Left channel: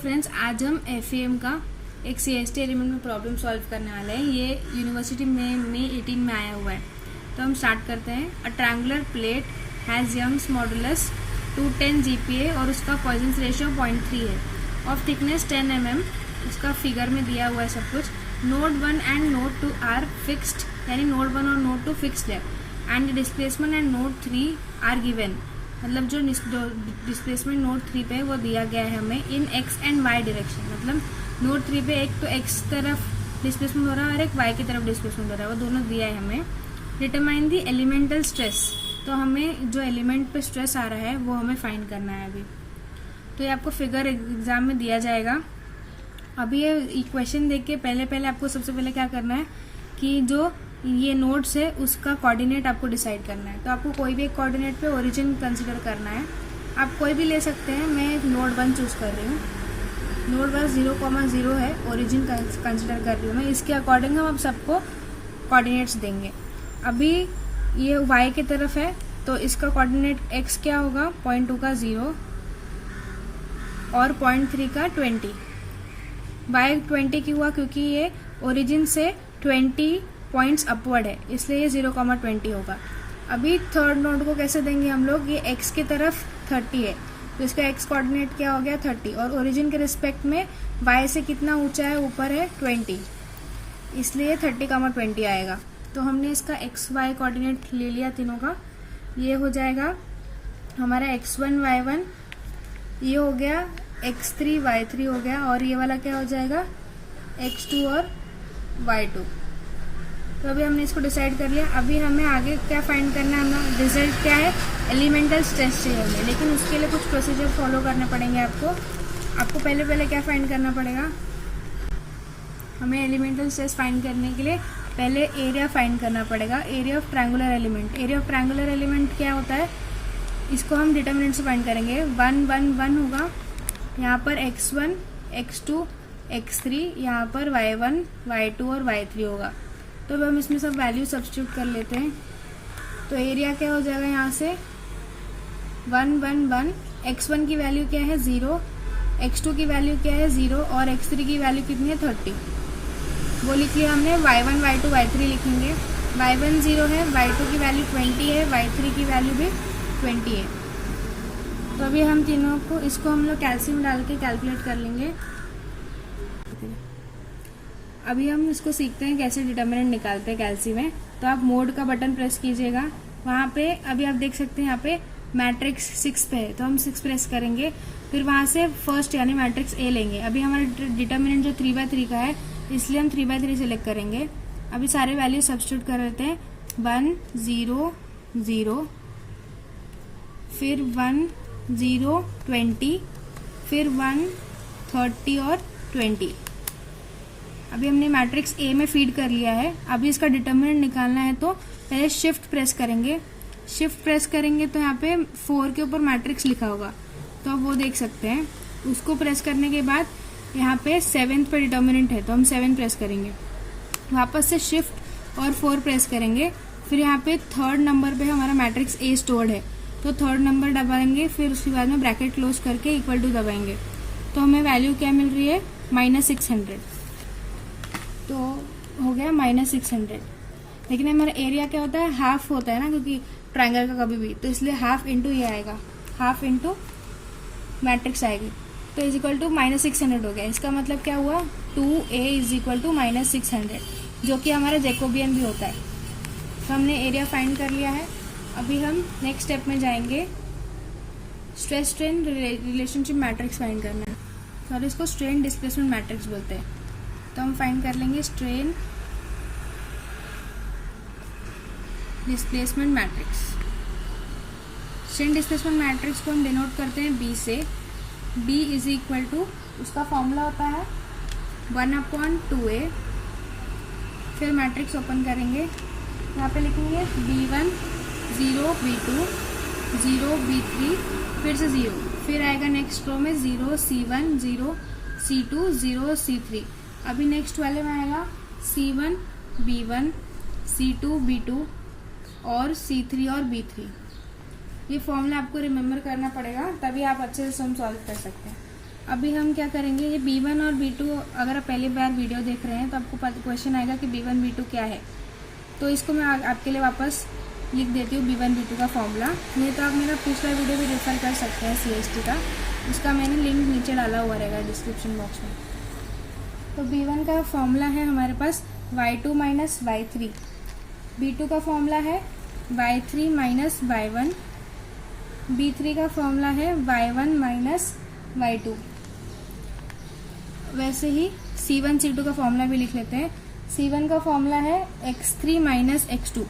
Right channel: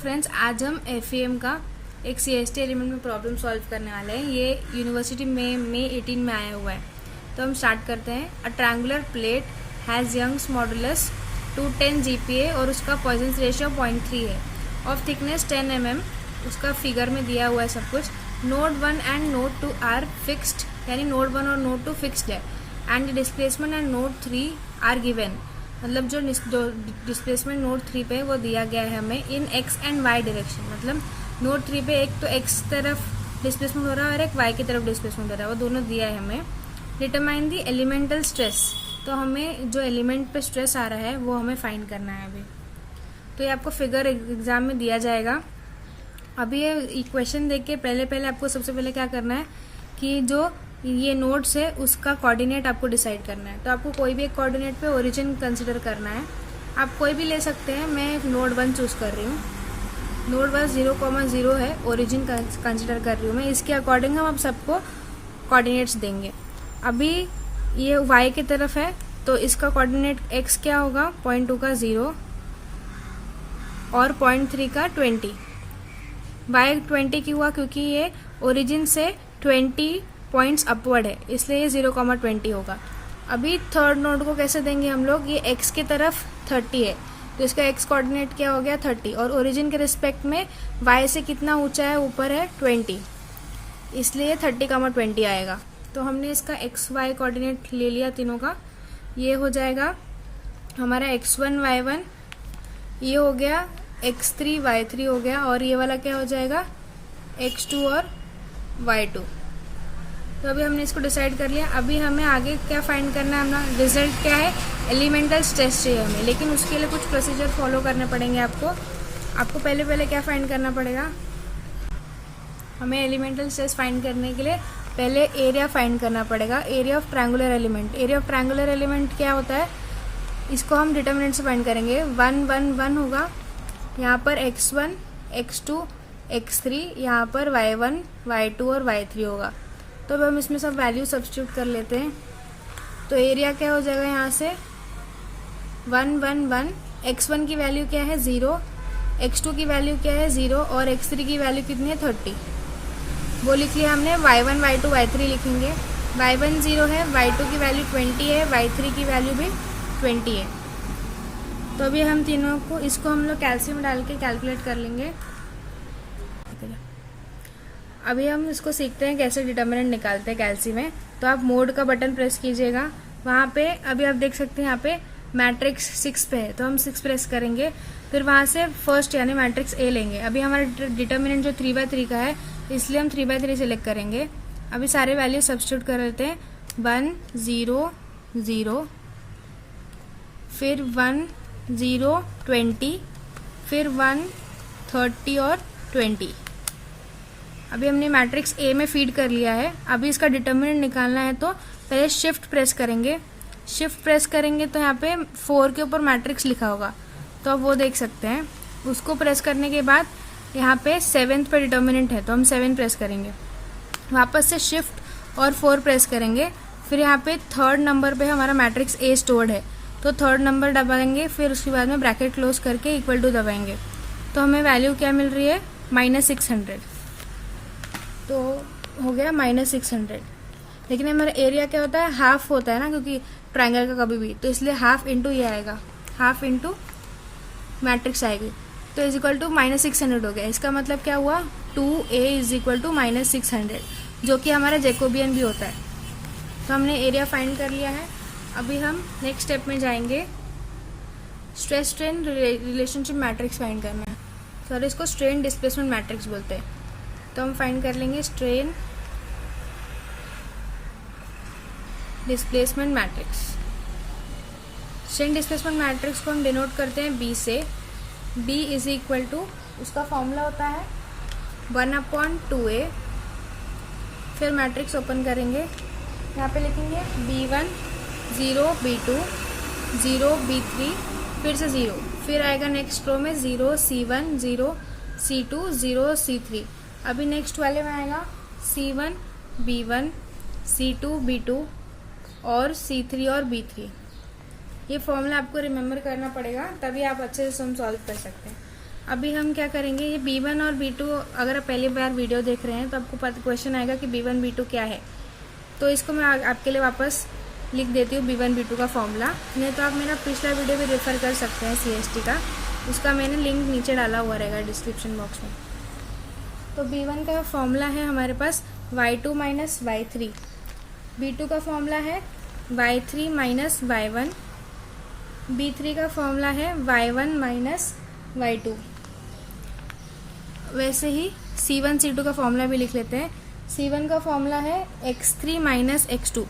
Friends, आज हम FM का एक सीएसटी एलिमेंट में प्रॉब्लम सॉल्व करने वाले हैं। ये यूनिवर्सिटी में मई 18 में आया हुआ है। तो हम स्टार्ट करते हैं। A triangular plate has Young's modulus 210 GPa और उसका पॉइजन्स रेशियो 0.3 है। ऑफ थिकनेस 10 mm, उसका फिगर में दिया हुआ है सब कुछ। Node 1 and node 2 are fixed, यानी नोड 1 और नोड 2 फिक्स्ड है। And displacement and node 3 are given, मतलब जो डिस्प्लेसमेंट नोड 3 पे वो दिया गया है हमें इन एक्स एंड वाई डायरेक्शन। मतलब नोड 3 पे एक तो एक्स तरफ डिस्प्लेसमेंट हो रहा है और एक वाई की तरफ डिस्प्लेसमेंट हो रहा है, वो दोनों दिया है हमें। डिटरमाइन दी एलिमेंटल स्ट्रेस, तो हमें जो एलिमेंट पे स्ट्रेस आ रहा है वो हमें फाइंड करना है अभी। तो ये आपको फिगर एग्जाम में दिया जाएगा। अभी ये इक्वेशन देख के पहले आपको सबसे पहले क्या करना है कि जो ये नोड्स है उसका कोऑर्डिनेट आपको डिसाइड करना है। तो आपको कोई भी एक कोऑर्डिनेट पे ओरिजिन कंसीडर करना है। आप कोई भी ले सकते हैं। मैं नोड 1 चूज कर रही हूँ। नोड 1 0,0 है, ओरिजिन कंसीडर कर रही हूँ मैं। इसके अकॉर्डिंग हम सबको कोऑर्डिनेट्स देंगे। अभी ये y की तरफ है तो इसका कोऑर्डिनेट x क्या होगा, 0.2 का 0 और 0.3 का 20। y 20 क्यों हुआ, क्योंकि ये ओरिजिन से 20 पॉइंट्स अपवर्ड है, इसलिए ये 0,20 होगा। अभी थर्ड नोड को कैसे देंगे हम लोग, ये x की तरफ 30 है तो इसका x कोऑर्डिनेट क्या हो गया 30, और ओरिजिन के रिस्पेक्ट में y से कितना ऊंचा है, ऊपर है 20, इसलिए 30,20 आएगा। तो हमने इसका x y कोऑर्डिनेट ले लिया तीनों का। ये हो जाएगा हमारा x1 y1, ये हो गया x3 y3 हो गया, और ये वाला क्या हो जाएगा x2 और y2। तो अभी हमने इसको डिसाइड कर लिया। अभी हमें आगे क्या फाइंड करना है, हमारा रिजल्ट क्या है, एलिमेंटल स्ट्रेस चाहिए हमें, लेकिन उसके लिए कुछ प्रोसीजर फॉलो करने पड़ेंगे आपको पहले क्या फाइंड करना पड़ेगा। हमें एलिमेंटल स्ट्रेस फाइंड करने के लिए पहले एरिया फाइंड करना पड़ेगा, area of triangular element. Area of triangular element क्या होता है, इसको हम डिटरमिनेंट से फाइंड करेंगे। 1 1 1 होगा, यहाँ पर x1 x2 x3, यहाँ पर y1 y2 और y3 होगा। तो अब हम इसमें सब वैल्यू सब्स्टिट्यूट कर लेते हैं। तो एरिया क्या हो जाएगा, यहाँ से 1 1 1, x1 की वैल्यू क्या है 0, x2 की वैल्यू क्या है 0 और x3 की वैल्यू कितनी है 30, वो लिख लिया हमने। y1 y2 y3 लिखेंगे। y1 0 है, y2 की वैल्यू 20 है, y3 की वैल्यू भी 20 है। तो अभी हम तीनों को इसको हम लोग कैल्शियम डाल के कैलकुलेट कर लेंगे। अभी हम इसको सीखते हैं कैसे डिटर्मिनेंट निकालते हैं कैल्सी में। तो आप मोड का बटन प्रेस कीजिएगा, वहाँ पे अभी आप देख सकते हैं यहाँ पे मैट्रिक्स 6 पे है, तो हम 6 प्रेस करेंगे। फिर वहाँ से फर्स्ट यानी मैट्रिक्स ए लेंगे। अभी हमारा डिटर्मिनेंट जो 3/3 का है, इसलिए हम 3/3 सिलेक्ट करेंगे। अभी सारे वैल्यू सब्स्टिट्यूट कर लेते हैं। 1 0 0, फिर 1 0 20, फिर 1 30 और 20। अभी हमने मैट्रिक्स ए में फीड कर लिया है। अभी इसका डिटर्मिनेंट निकालना है, तो पहले शिफ्ट प्रेस करेंगे। शिफ्ट प्रेस करेंगे तो यहाँ पे 4 के ऊपर मैट्रिक्स लिखा होगा, तो आप वो देख सकते हैं। उसको प्रेस करने के बाद यहाँ पे 7th पे डिटर्मिनेंट है, तो हम 7 प्रेस करेंगे। वापस से शिफ्ट और 4 प्रेस करेंगे। फिर यहाँ पे 3rd नंबर पे हमारा मैट्रिक्स ए स्टोर्ड है, तो 3rd नंबर दबाएंगे। फिर उसके बाद में ब्रैकेट क्लोज करके इक्वल टू दबाएंगे। तो हमें वैल्यू क्या मिल रही है, -600। तो हो गया -600। लेकिन हमारा एरिया क्या होता है, हाफ होता है ना, क्योंकि ट्रायंगल का कभी भी, तो इसलिए हाफ इंटू ये आएगा, हाफ इंटू मैट्रिक्स आएगी। तो इज इक्वल टू -600 हो गया। इसका मतलब क्या हुआ, 2a इज इक्वल टू -600, जो कि हमारा जैकोबियन भी होता है। तो हमने एरिया फाइंड कर लिया है। अभी हम नेक्स्ट स्टेप में जाएंगे, stress strain relationship matrix find करना है। तो इसको स्ट्रेन डिस्प्लेसमेंट मैट्रिक्स बोलते हैं। तो हम फाइंड कर लेंगे strain displacement matrix. Strain displacement matrix को हम डिनोट करते हैं B से। B इज इक्वल टू, उसका फॉर्मूला होता है 1/2a। फिर मैट्रिक्स ओपन करेंगे, यहाँ पे लिखेंगे B1 0 B2 0 B3, फिर से 0, फिर आएगा नेक्स्ट रो में 0 C1 0 C2 0 C3। अभी नेक्स्ट वाले में आएगा C1 B1 C2 B2 और C3 और B3। ये फॉर्मूला आपको रिमेम्बर करना पड़ेगा, तभी आप अच्छे से सम सॉल्व कर सकते हैं। अभी हम क्या करेंगे, ये B1 और B2, अगर आप पहली बार वीडियो देख रहे हैं तो आपको क्वेश्चन आएगा कि B1 B2 क्या है। तो इसको मैं आपके लिए वापस लिख देती हूँ B1 B2 का फॉर्मूला। नहीं तो आप मेरा पिछला वीडियो भी रेफर कर सकते हैं CST का, उसका मैंने लिंक नीचे डाला हुआ रहेगा डिस्क्रिप्शन बॉक्स में। तो B1 का फॉर्मूला है हमारे पास y2 माइनस y3, B2 का फॉर्मूला है y3 माइनस y1, B3 का फॉर्मूला है y1 माइनस y2। वैसे ही C1 C2 का फॉर्मूला भी लिख लेते हैं। C1 का फॉर्मूला है x3 माइनस x2,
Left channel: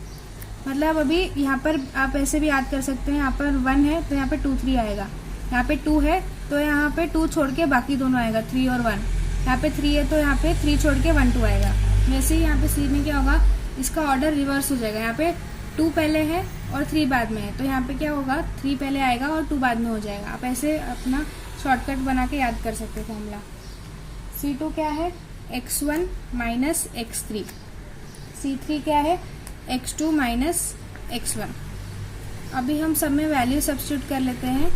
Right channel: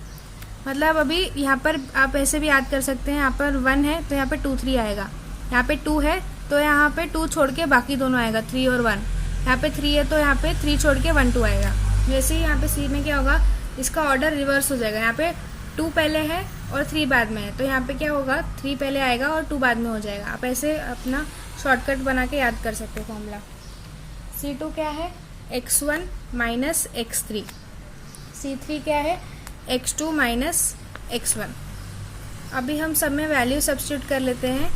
मतलब अभी यहाँ पर आप ऐसे भी याद कर सकते हैं, यहाँ पर 1 है तो यहाँ पे 2 3 आएगा, यहाँ पे 2 है तो यहाँ पे 2 छोड़ के बाकी दोनों आएगा 3 और 1, यहाँ पे 3 है तो यहाँ पे 3 छोड़ के 1 2 आएगा। वैसे ही यहाँ पे C में क्या होगा, इसका ऑर्डर रिवर्स हो जाएगा, यहाँ पे 2 पहले है और 3 बाद में है, तो यहाँ पे क्या होगा 3 पहले आएगा और 2 बाद में हो जाएगा। आप ऐसे अपना शॉर्टकट बना के याद कर सकते हैं फॉर्मूला। C2 क्या है x1 माइनस x3, C3 क्या है x2 माइनस x1। अभी हम सब में वैल्यू सब्स्टिट्यूट कर लेते हैं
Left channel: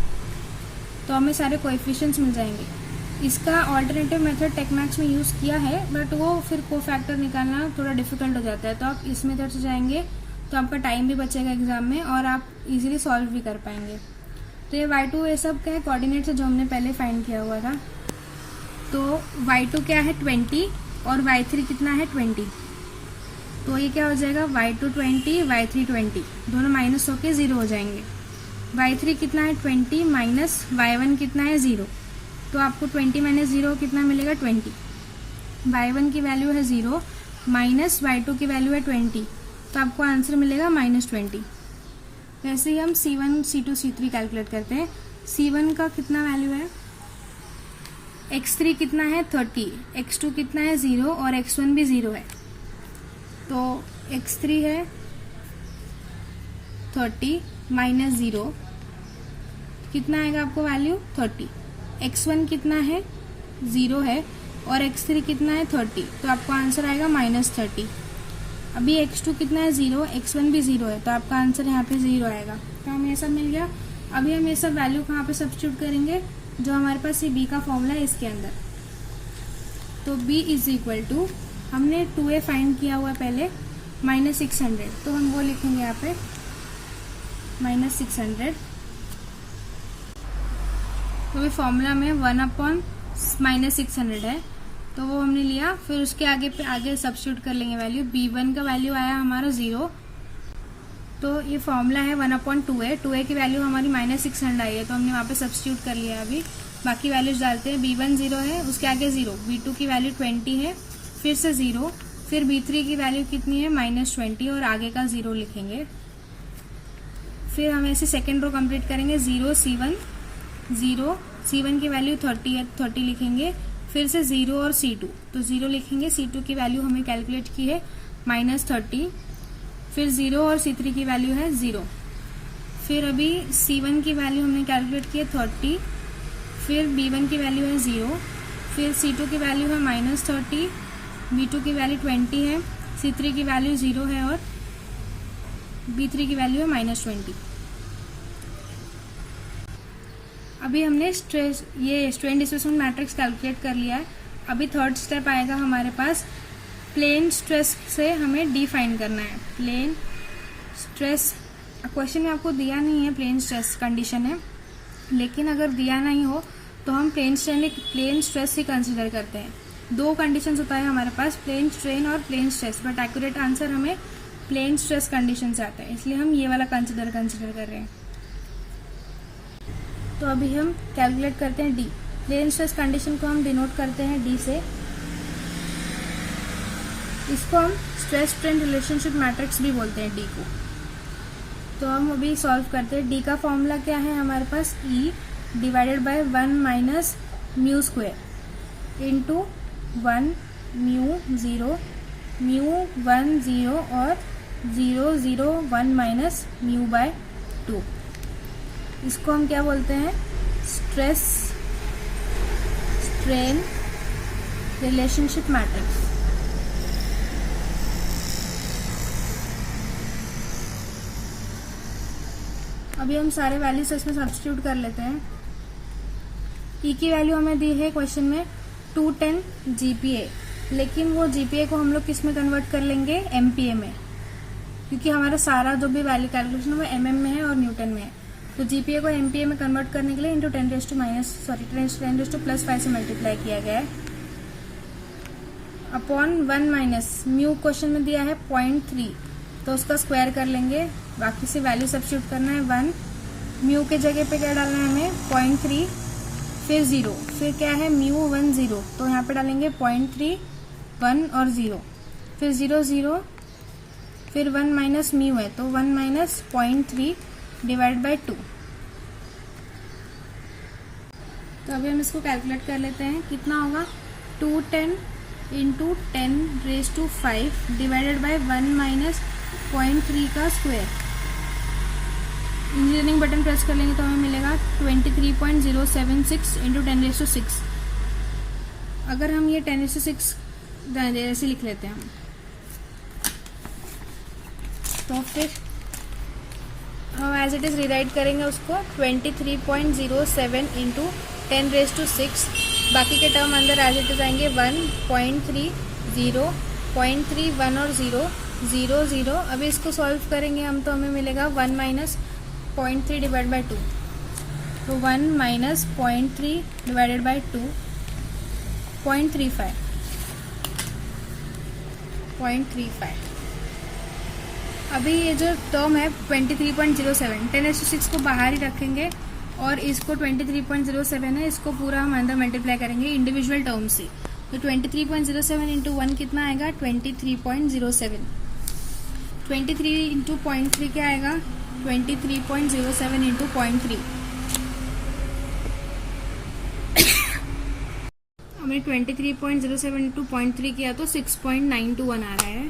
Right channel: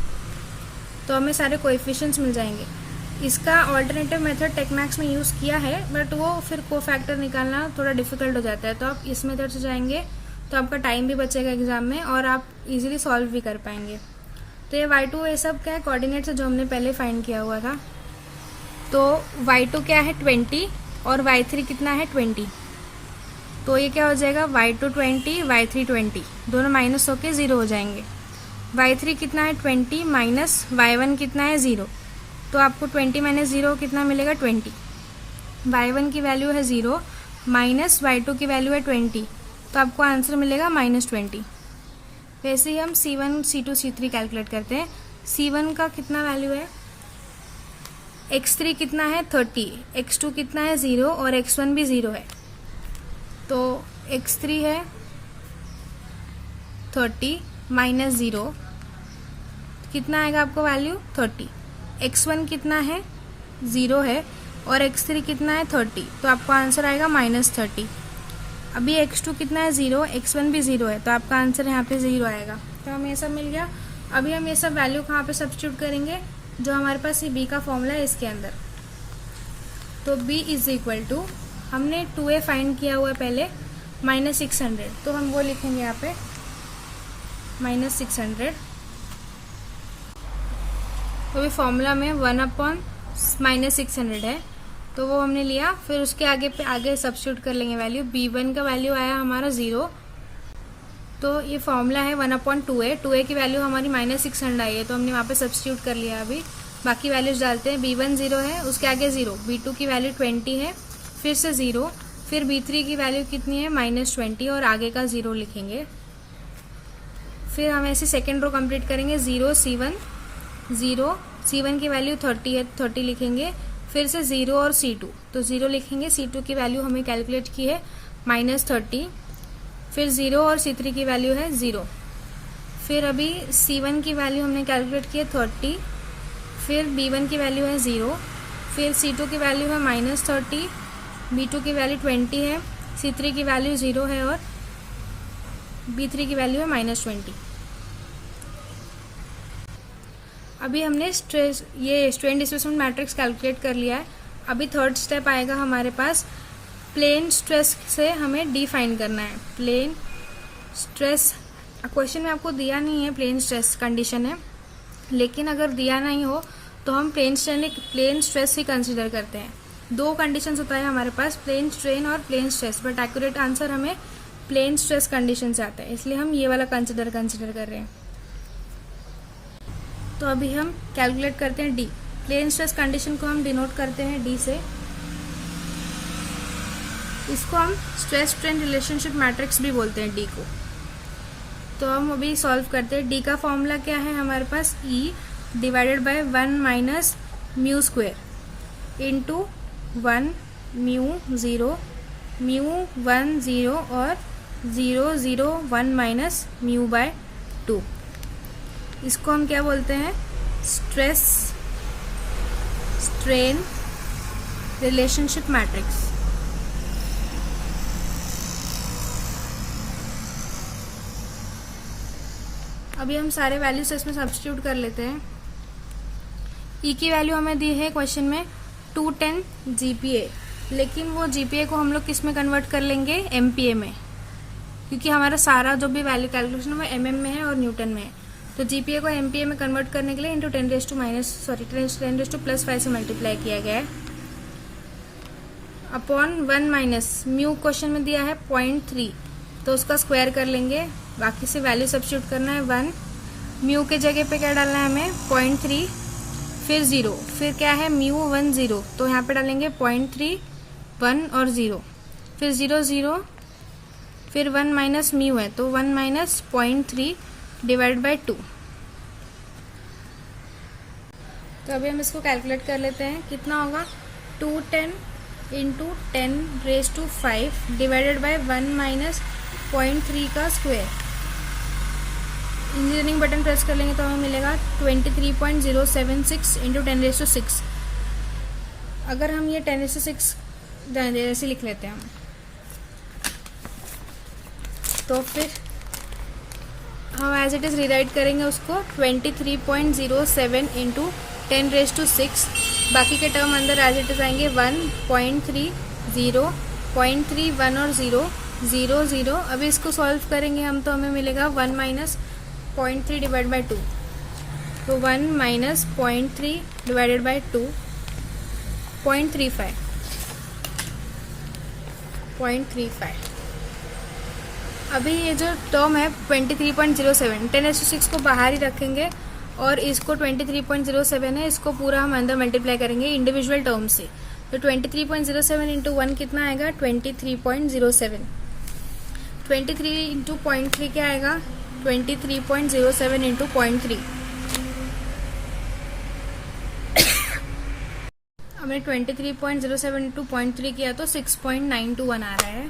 तो हमें सारे कोएफिशिएंट्स मिल जाएंगे। इसका ऑल्टरनेटिव मेथड टेक्मैक्स में यूज़ किया है, बट वो फिर कोफैक्टर निकालना थोड़ा डिफिकल्ट हो जाता है, तो आप इस मेथड से जाएंगे तो आपका टाइम भी बचेगा एग्जाम में और आप इजीली सॉल्व भी कर पाएंगे। तो ये y2 ये सब क्या है, कोऑर्डिनेट से जो हमने पहले फाइंड किया हुआ था। तो y2 क्या है 20 और y3 कितना है 20, तो ये क्या हो जाएगा y2 20 y3 20, दोनों माइनस होके 0 हो जाएंगे। y3 कितना है 20 माइनस y1 कितना है 0, तो आपको 20 माइनस 0 कितना मिलेगा 20। y1 की वैल्यू है 0 माइनस y2 की वैल्यू है 20, तो आपको आंसर मिलेगा -20। वैसे ही हम C1 C2 C3 कैलकुलेट करते हैं। C1 का कितना वैल्यू है, x3 कितना है 30, x2 कितना है 0 और x1 भी 0 है, तो x3 है 30 माइनस 0 कितना आएगा आपको वैल्यू 30, x1 कितना है 0 है और x3 कितना है 30, तो आपको आंसर आएगा -30। अभी x2 कितना है 0, x1 भी 0 है, तो आपका आंसर यहाँ पे 0 आएगा। तो हमें ये सब मिल गया। अभी हम ये सब वैल्यू कहाँ पे सब्स्टिट्यूट करेंगे, जो हमारे पास ये b का फॉर्मूला है इसके अंदर। तो b इज इक्वल टू, हमने 2a फाइंड किया हुआ है पहले -600, तो हम वो लिखेंगे यहाँ पे -600। तो ये फॉर्मूला में 1/-600 है, तो वो हमने लिया। फिर उसके आगे सब्स्टिट्यूट कर लेंगे वैल्यू। b1 का वैल्यू आया हमारा 0, तो ये फॉर्मूला है 1/2a, 2a की वैल्यू हमारी -600 आई है, तो हमने वहाँ पे सब्स्टिट्यूट कर लिया। अभी बाकी वैल्यूज डालते हैं। b1 0 है, उसके आगे 0, b2 की वैल्यू 20 है, फिर से 0, फिर b3 की वैल्यू कितनी है -20 और आगे का 0 लिखेंगे। फिर हम ऐसे सेकेंड रो कंप्लीट करेंगे। 0 C1 0, C1 की वैल्यू 30 है, 30 लिखेंगे। फिर से 0 और C2, तो 0 लिखेंगे। C2 की वैल्यू हमें कैलकुलेट की है -30, फिर 0 और C3 की वैल्यू है 0। फिर अभी C1 की वैल्यू हमने कैलकुलेट की है 30, फिर B1 की वैल्यू है 0, फिर C2 की वैल्यू है -30, B2 की वैल्यू 20 है, C3 की वैल्यू 0 है और B3 की वैल्यू है -20। अभी हमने स्ट्रेन डिस्प्लेसमेंट मैट्रिक्स कैलकुलेट कर लिया है। अभी थर्ड स्टेप आएगा हमारे पास, प्लेन स्ट्रेस से हमें डी फाइंड करना है। प्लेन स्ट्रेस, क्वेश्चन में आपको दिया नहीं है प्लेन स्ट्रेस कंडीशन है, लेकिन अगर दिया नहीं हो तो हम प्लेन स्ट्रेस ही कंसिडर करते हैं। 2 कंडीशंस होता है हमारे पास, प्लेन स्ट्रेन और plane stress, but accurate answer हमें प्लेन स्ट्रेस कंडीशन से आता है, इसलिए हम ये वाला कंसिडर कर रहे हैं। तो अभी हम कैलकुलेट करते हैं डी। प्लेन स्ट्रेस कंडीशन को हम डिनोट करते हैं डी से। इसको हम स्ट्रेस स्ट्रेन रिलेशनशिप मैट्रिक्स भी बोलते हैं डी को। तो हम अभी सॉल्व करते हैं। डी का फॉर्मूला क्या है हमारे पास, E divided by 1 minus mu square into 1 mu 0 mu 1 0 और 0 0 1 माइनस म्यू बाय 2। इसको हम क्या बोलते हैं, स्ट्रेस स्ट्रेन रिलेशनशिप मैट्रिक्स। अभी हम सारे वैल्यूज इसमें सब्स्टिट्यूट कर लेते हैं। ई की वैल्यू हमें दी है क्वेश्चन में 210 जीपीए, लेकिन वो जीपीए को हम लोग किस में कन्वर्ट कर लेंगे, एमपीए में, क्योंकि हमारा सारा जो भी वैल्यू कैलकुलेशन वो एमएम में है और न्यूटन में है। तो जीपीए को एमपीए में कन्वर्ट करने के लिए इंटू 10⁻⁵ से मल्टीप्लाई किया गया है अपॉन 1 माइनस म्यू क्वेश्चन में दिया है 0.3, तो उसका स्क्वायर कर लेंगे, बाकी से वैल्यू सब्स्टिट्यूट करना है 1, म्यू के जगह पे क्या डालना है हमें 0.3, फिर 0, फिर क्या है म्यू 1 0, तो यहाँ पे डालेंगे 0.3 1 और 0, फिर 0 0, फिर 1 माइनस म्यू है तो 1 माइनस 0.3 डिवाइड बाई 2। तो अभी हम इसको कैलकुलेट कर लेते हैं, कितना होगा 210 इंटू 10⁵ डिवाइडेड बाई 1 माइनस 0.3 का स्क्वायर। इंजीनियरिंग बटन प्रेस कर लेंगे तो हमें मिलेगा 23.076 इंटू 10⁶। अगर हम ये 10⁶ ऐसे लिख लेते हैं तो फिर हम एज इट इज रिराइट करेंगे उसको 23.07 इंटू 10⁶। बाकी के टर्म अंदर एज इट इज आएंगे 1.3 0 0.3 1 और 0 0 0। अभी इसको सॉल्व करेंगे हम तो हमें मिलेगा 1 माइनस 0.3 डिवाइड बाई 2, तो 1 माइनस 0.3 डिवाइडेड बाई 2 0.35। अभी ये जो टर्म है 23.07 10⁶ को बाहर ही रखेंगे और इसको 23.07 है, इसको पूरा हम अंदर मल्टीप्लाई करेंगे इंडिविजुअल टर्म से। तो 23.07 इंटू 1 कितना आएगा 23.07, 23 इंटू 0.3 क्या आएगा 23.07 इंटू 0.3। हमने 23.07 इंटू 0.3 किया तो 6.921 आ रहा है,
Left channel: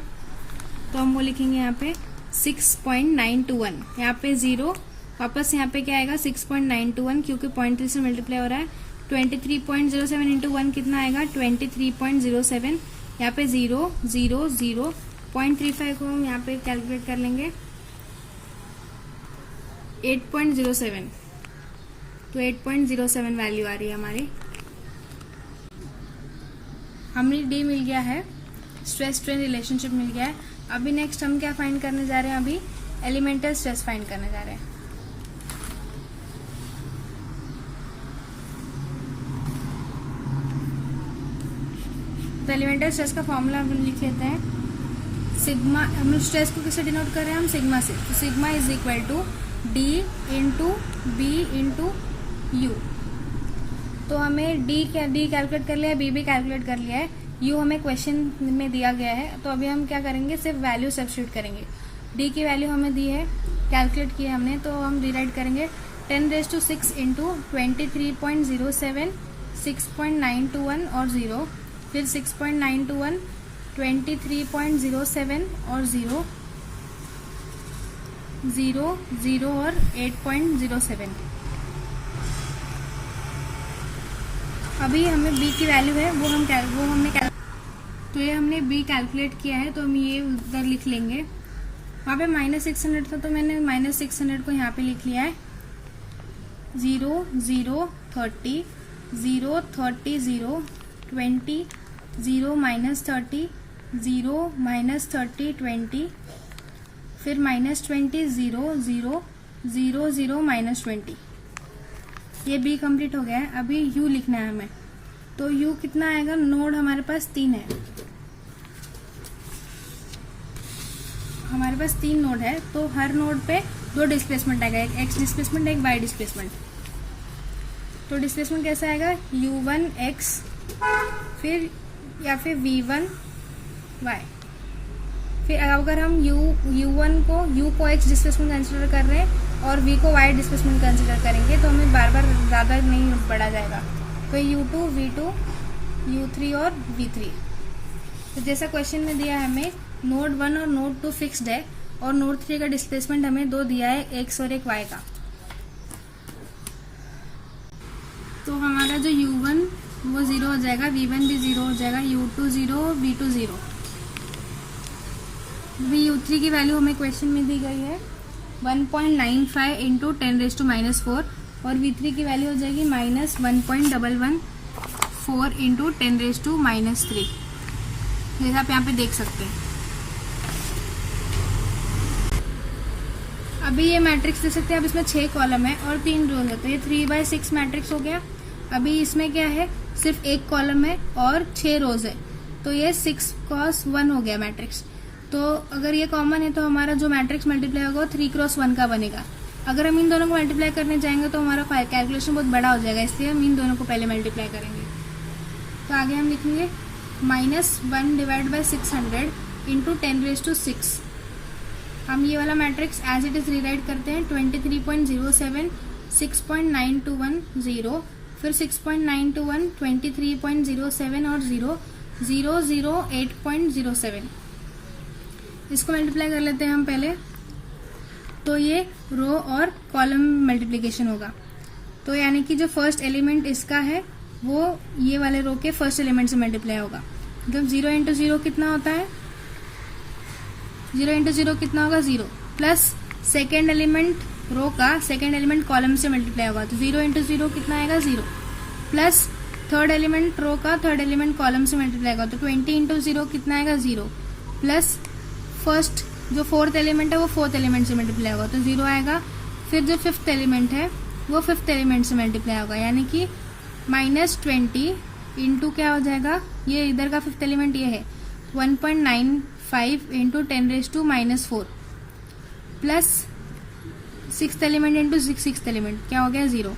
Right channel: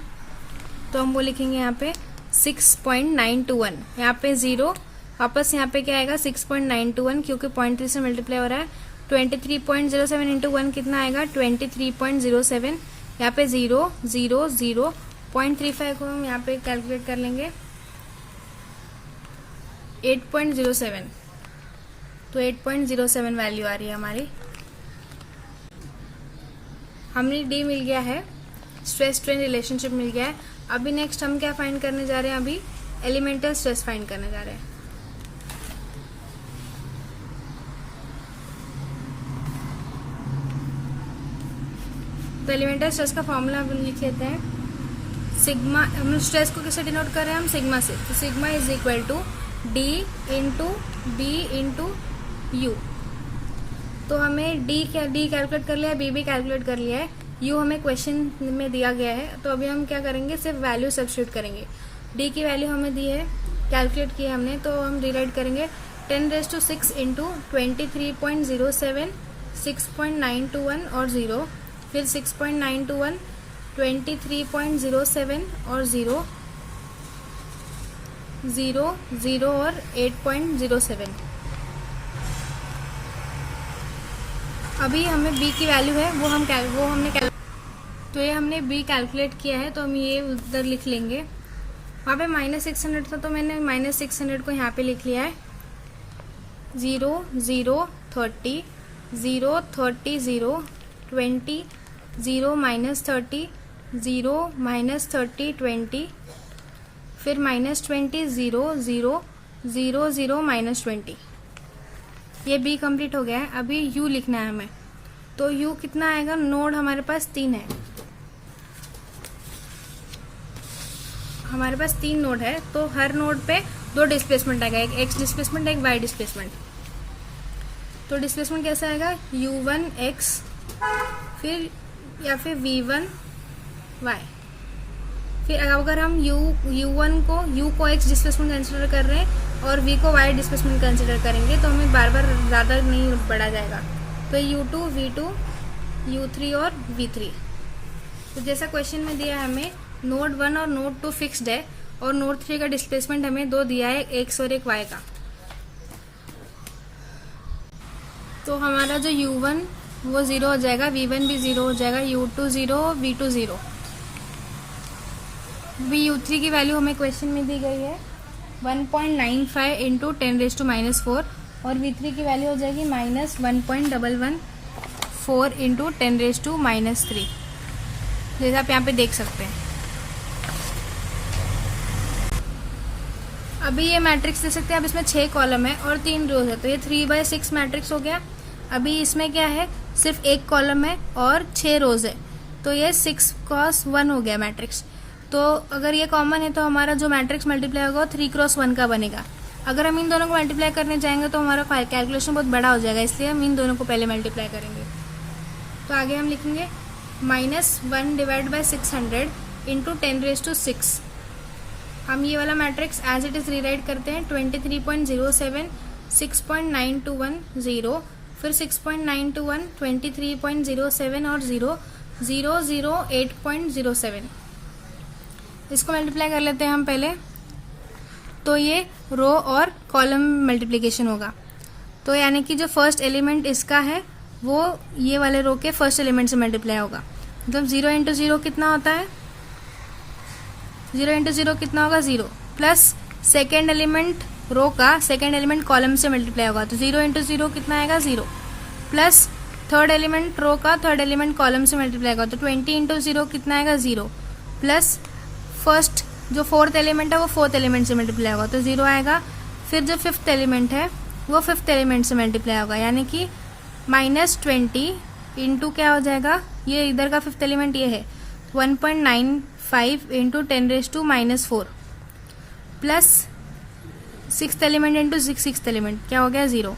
तो हम वो लिखेंगे यहाँ पे 6.921, यहाँ पे 0 वापस यहाँ पे क्या आएगा 6.921 क्योंकि 0.3 से मल्टीप्लाई हो रहा है। 23.07 इंटू 1 कितना आएगा 23.07, यहाँ पे 0 0 0 0.35 को हम यहाँ पे कैलकुलेट कर लेंगे 8.07, तो 8.07 वैल्यू आ रही है हमारी। हमने डी मिल गया है, स्ट्रेस स्ट्रेन रिलेशनशिप मिल गया है। अभी नेक्स्ट हम क्या फाइंड करने जा रहे हैं, अभी एलिमेंटल स्ट्रेस फाइंड करने जा रहे हैं। तो एलिमेंटल स्ट्रेस का फॉर्मूला हम लिख लेते हैं, सिग्मा, हम स्ट्रेस को किससे डिनोट कर रहे हैं हम सिग्मा से, तो sigma is equal to D into B into U. तो हमें डी कैलकुलेट कर लिया है, बी भी कैलकुलेट कर लिया है, यू हमें क्वेश्चन में दिया गया है, तो अभी हम क्या करेंगे सिर्फ वैल्यू सब्स्टिट्यूट करेंगे। डी की वैल्यू हमें दी है, कैलकुलेट की है हमने, तो हम डिवाइड करेंगे 10⁶ इंटू 23.07 6.921 और 0, फिर 6.921 23.07 और 0 0 0 और 8.07। अभी हमें b की वैल्यू है वो हमने तो ये हमने b कैलकुलेट किया है, तो हम ये उधर लिख लेंगे। वहाँ पे -600 था तो मैंने -600 को यहाँ पे लिख लिया है। 0 0 30 0 30 0 20 0 -30 0 -30 20, फिर -20 0 0 0 0 -20। ये बी कंप्लीट हो गया है। अभी यू लिखना है हमें, तो यू कितना आएगा, नोड हमारे पास 3 है, हमारे पास 3 नोड है, तो हर नोड पे 2 डिस्प्लेसमेंट आएगा, एक एक्स डिस्प्लेसमेंट एक वाई डिस्प्लेसमेंट। तो डिस्प्लेसमेंट कैसा आएगा u1 x, फिर या फिर v1 y। फिर अगर हम u1 को u को x डिस्प्लेसमेंट कंसिडर कर रहे हैं और v को y डिस्प्लेसमेंट कंसिडर करेंगे तो हमें बार बार ज्यादा नहीं बढ़ा जाएगा। तो u2 v2 u3 और v3। तो जैसा क्वेश्चन में दिया है हमें नोड 1 और नोड 2 फिक्स्ड है और नोड 3 का डिस्प्लेसमेंट हमें 2 दिया है, x और एक y का। तो हमारा जो u1 वो 0 हो जाएगा, v1 भी 0 हो जाएगा, u2 0 v2 0। u3 की वैल्यू हमें क्वेश्चन में दी गई है 1.95 इंटू 10⁻⁴ और V3 की वैल्यू हो जाएगी -1.114 इंटू 10⁻⁻3, जैसा आप यहाँ पे देख सकते हैं। अभी ये मैट्रिक्स देख सकते हैं, अब इसमें 6 कॉलम है और 3 रोज है, तो ये 3/6 मैट्रिक्स हो गया। अभी इसमें क्या है, सिर्फ 1 कॉलम है और 6 रोज है, तो ये 6 क्रॉस 1 हो गया मैट्रिक्स। तो अगर ये कॉमन है तो हमारा जो मैट्रिक्स मल्टीप्लाई होगा वो 3 क्रॉस 1 का बनेगा। अगर हम इन दोनों को मल्टीप्लाई करने जाएंगे तो हमारा कैलकुलेशन बहुत बड़ा हो जाएगा, इसलिए हम इन दोनों को पहले मल्टीप्लाई करेंगे। तो आगे हम लिखेंगे -1/600 इंटू 10⁻6। हम ये वाला matrix as it is rewrite करते हैं, 23.07, 6.9210, फिर 6.921, 23.07 और 008.07। इसको मल्टीप्लाई कर लेते हैं हम पहले, तो ये रो और कॉलम मल्टीप्लिकेशन होगा। तो यानी कि जो फर्स्ट एलिमेंट इसका है वो ये वाले रो के फर्स्ट एलिमेंट से मल्टीप्लाई होगा। मतलब 0 इंटू 0 कितना होता है, 0 इंटू 0 कितना होगा 0, प्लस सेकेंड एलिमेंट रो का सेकेंड एलिमेंट कॉलम से मल्टीप्लाई होगा, तो 0 इंटू 0 कितना आएगा 0, प्लस थर्ड एलिमेंट रो का थर्ड एलिमेंट कॉलम से मल्टीप्लाई होगा, तो 20 इंटू 0 कितना आएगा 0, प्लस फर्स्ट जो फोर्थ एलिमेंट है वो फोर्थ एलिमेंट से मल्टीप्लाई होगा, तो 0 आएगा। फिर जो फिफ्थ एलिमेंट है वो फिफ्थ एलिमेंट से मल्टीप्लाई होगा, यानी कि -20 इंटू क्या हो जाएगा, ये इधर का फिफ्थ एलिमेंट ये है 1.95 into 10⁻⁻4, plus sixth element into sixth element क्या हो गया 0।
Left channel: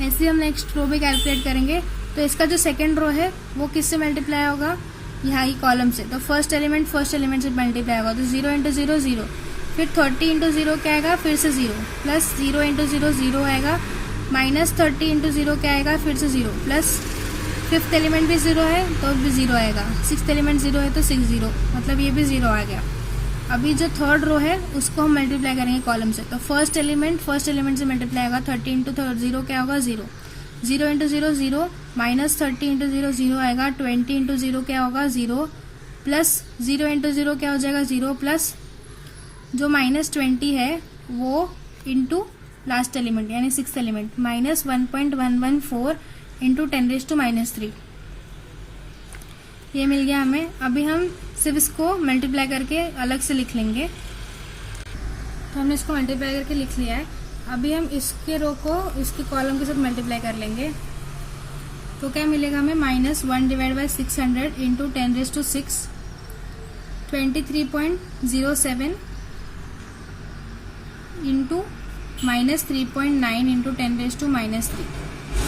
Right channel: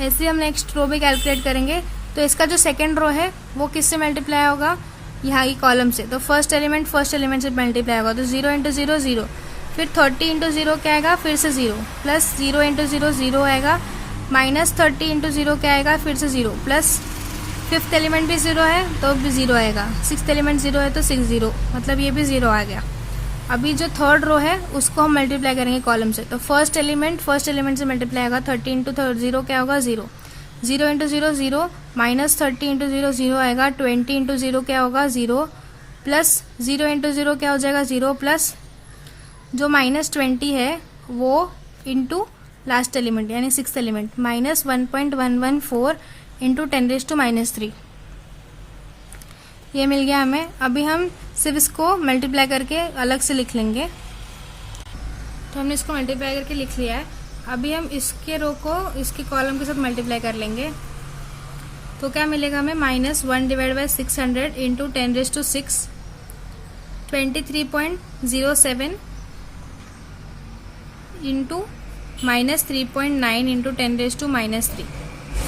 ऐसे हम नेक्स्ट रो भी कैलकुलेट करेंगे। तो इसका जो सेकेंड रो है वो किससे मल्टीप्लाई होगा, यहाँ की कॉलम से, तो फर्स्ट एलिमेंट से मल्टीप्लाई होगा, तो 0 इंटू 0 0, फिर 30 इंटू 0 क्या आएगा फिर से 0, प्लस 0 इंटू 0 0 आएगा, -30 इंटू 0 क्या आएगा फिर से 0, प्लस फिफ्थ एलिमेंट भी 0 है तो भी 0 आएगा, सिक्स्थ एलिमेंट 0 है तो 6 0, मतलब ये भी 0 आ गया। अभी जो थर्ड रो है उसको हम मल्टीप्लाई करेंगे कॉलम से, तो फर्स्ट एलिमेंट से मल्टीप्लाई होगा, 30 इंटू 0 क्या होगा 0, 0 इंटू 0 0, -30 इंटू 0 0 आएगा, 20 इंटू 0 क्या होगा 0, प्लस 0 इंटू 0 क्या हो जाएगा 0, प्लस जो -20 है वो इंटू लास्ट एलिमेंट यानी सिक्स्थ एलिमेंट -1.114 इंटू 10⁻⁻3, ये मिल गया हमें। अभी हम सिर्फ इसको मल्टीप्लाई करके अलग से लिख लेंगे, तो हमने इसको मल्टीप्लाई करके लिख लिया है। अभी हम इसके रो को इसके कॉलम के साथ मल्टीप्लाई कर लेंगे, तो क्या मिलेगा हमें -1/600 इंटू 10⁻6, 23.07 इंटू -3.9 इंटू 10⁻⁻3,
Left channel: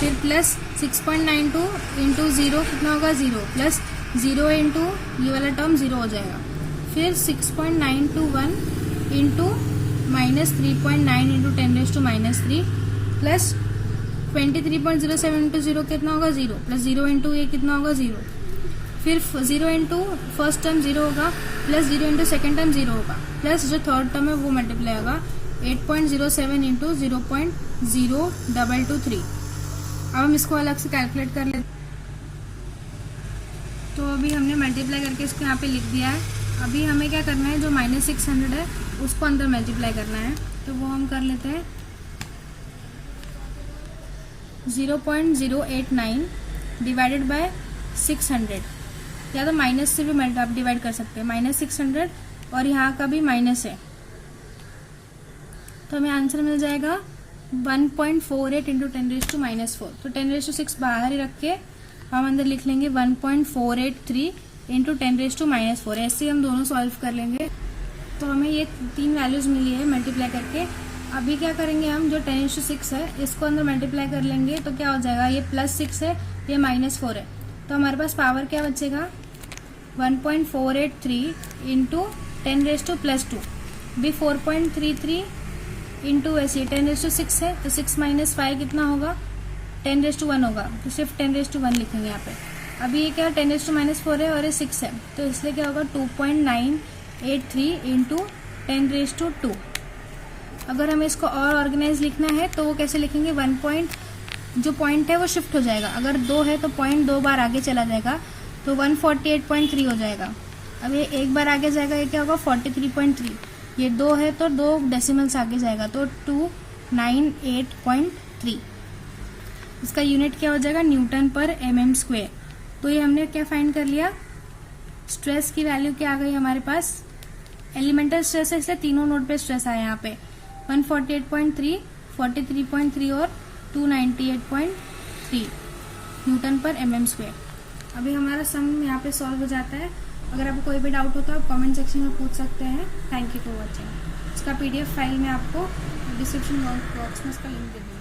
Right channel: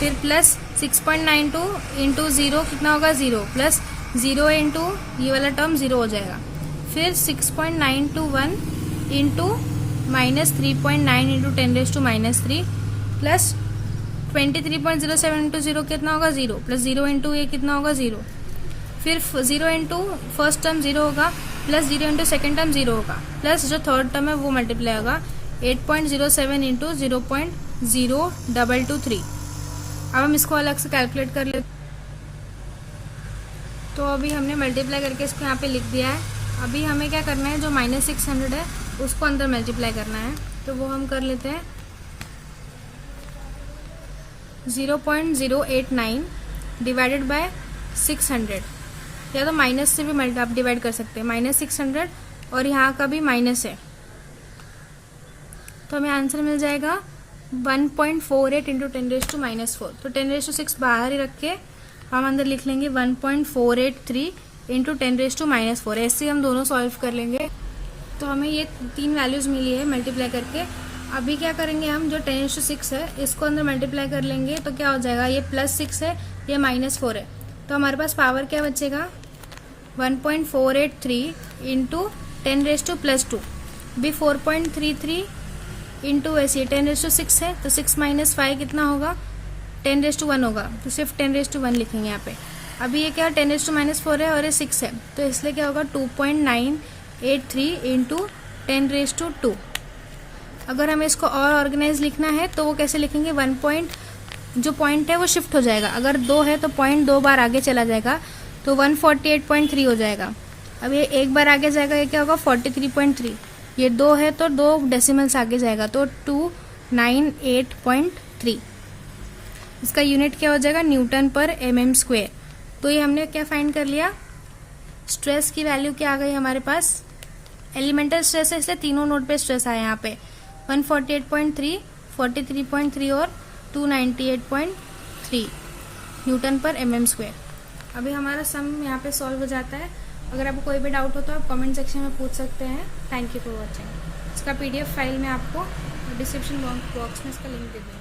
फिर प्लस 6.92 इंटू 0 कितना होगा 0, प्लस 0 इंटू ये वाला टर्म 0 हो जाएगा, फिर 6.921 इंटू -3.9 इंटू 10⁻⁻3, प्लस 23.07 इंटू 0 कितना होगा 0, प्लस 0 इंटू ये कितना होगा 0, फिर 0 इंटू फर्स्ट टर्म 0 होगा, प्लस 0 इंटू सेकेंड टर्म 0 होगा, प्लस जो थर्ड टर्म है वो मल्टीप्लाई होगा 8.07 इंटू 0.0223। अब हम इसको अलग से कैलकुलेट कर लेते। तो अभी हमने मल्टीप्लाई करके इसको यहाँ पे लिख दिया है। अभी हमें क्या करना है, जो -600 है उसको अंदर मल्टीप्लाई करना है, तो वो हम कर लेते हैं 0.089 डिवाइडेड बाय 600, या तो माइनस से भी आप डिवाइड कर सकते हैं, -600 और यहाँ का भी माइनस है, तो हमें आंसर मिल जाएगा 1.48 इंटू 10⁻⁻4। तो 10⁻6 बाहर ही रख के हम अंदर लिख लेंगे 1.483 इंटू 10⁻⁻4। ऐसे हम दोनों सॉल्व कर लेंगे। तो हमें ये 3 वैल्यूज मिली है मल्टीप्लाई करके। अभी क्या करेंगे, हम जो 10⁻6 है इसको अंदर मल्टीप्लाई कर लेंगे, तो क्या हो जाएगा, ये +6 है, ये -4 है, तो हमारे पास पावर क्या बचेगा 1.483 इंटू 10⁻+2, भी 4.33 इंटू ऐसे 10⁻6 है, तो 6 - 5 कितना होगा 10⁻1 होगा, तो सिर्फ 10⁻1 लिखेंगे यहाँ पे। अभी ये क्या 10⁻⁻4 है और ये 6 है, तो इसलिए क्या होगा 2.983 इंटू 10⁻2। अगर हमें इसको और ऑर्गेनाइज लिखना है तो वो कैसे लिखेंगे, जो पॉइंट है वो शिफ्ट हो जाएगा, अगर 2 है तो पॉइंट 2 बार आगे चला जाएगा, तो 148.3 हो जाएगा। अब ये एक बार आगे जाएगा, ये क्या होगा 43.3, ये 2 है तो 2 डेसिमल्स आगे जाएगा, तो 98.3। इसका यूनिट क्या हो जाएगा, न्यूटन पर mm स्क्वायर। तो ये हमने क्या फाइंड कर लिया, स्ट्रेस की वैल्यू क्या आ गई हमारे पास, एलिमेंटल स्ट्रेस है इसलिए तीनों नोड पे स्ट्रेस आया यहाँ पे 148.3, 43.3 और 298.3 न्यूटन पर mm स्क्वायर। अभी हमारा सम यहाँ पे सॉल्व हो जाता है। अगर आपको कोई भी डाउट हो तो आप कमेंट सेक्शन में पूछ सकते हैं। Thank you for watching. इसका PDF फाइल में आपको डिस्क्रिप्शन बॉक्स में इसका लिंक दे दूँगी।